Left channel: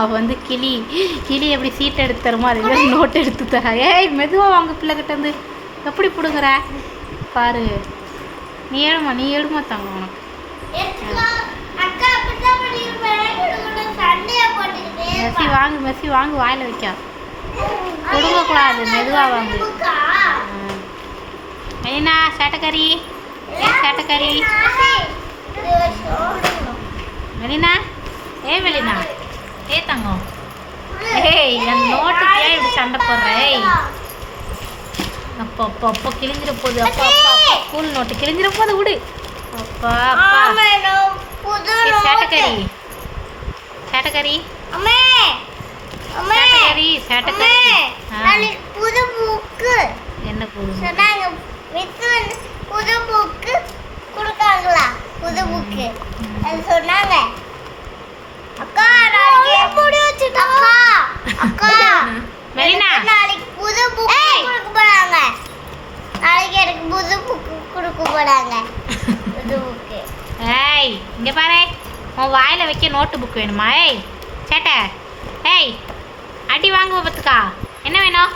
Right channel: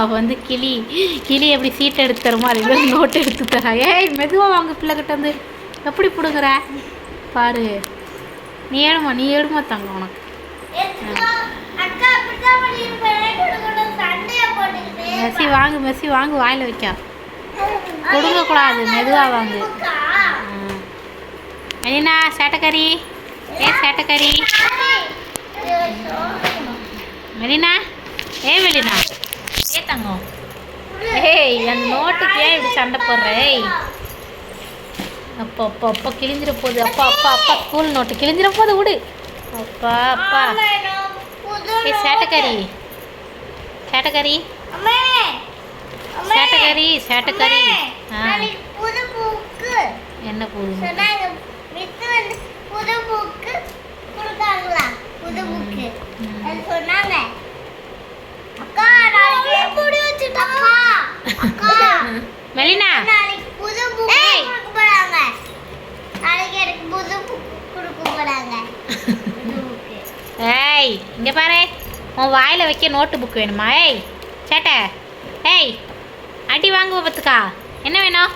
அவள் வந்து கிளி எப்படி சீட்டை எடுத்து தருமோ அதே மாதிரி நோட்டு எடுத்து தரா. ஏய் மெதுவாக வாங்க பிள்ளைகிட்ட வந்து எப்படி பிடுங்குற பாரு. நீ எழுமா தாங்க உனக்கு. மெஸ்ஸி வாங்கு வாயில் வைக்க கொடுங்கக்கூடாது, மெதுவாக வாங்கு. மெலினா சேட்டக்கறி, சேட்டக்கறி மெலினா, மெலினா தங்கம். அந்த நோட்டுக்கு ஏன் இப்படி சண்டை போடுற? அப்பா கிழிஞ்சிட போகுது. அப்பா ஸ்கூல் நோட்டு கிழிஞ்சிட போகுது, விடு. அப்பா சேட்டக்கறி என்ன புது மெலினா? ஏய் இங்கே பாரு, உன் வாயில் வைக்க நோட்டு புக் வேணுமா? ஏய் சேட்டை, அடி வாங்குவ பார்த்துக்கா. என்ன வேணும்?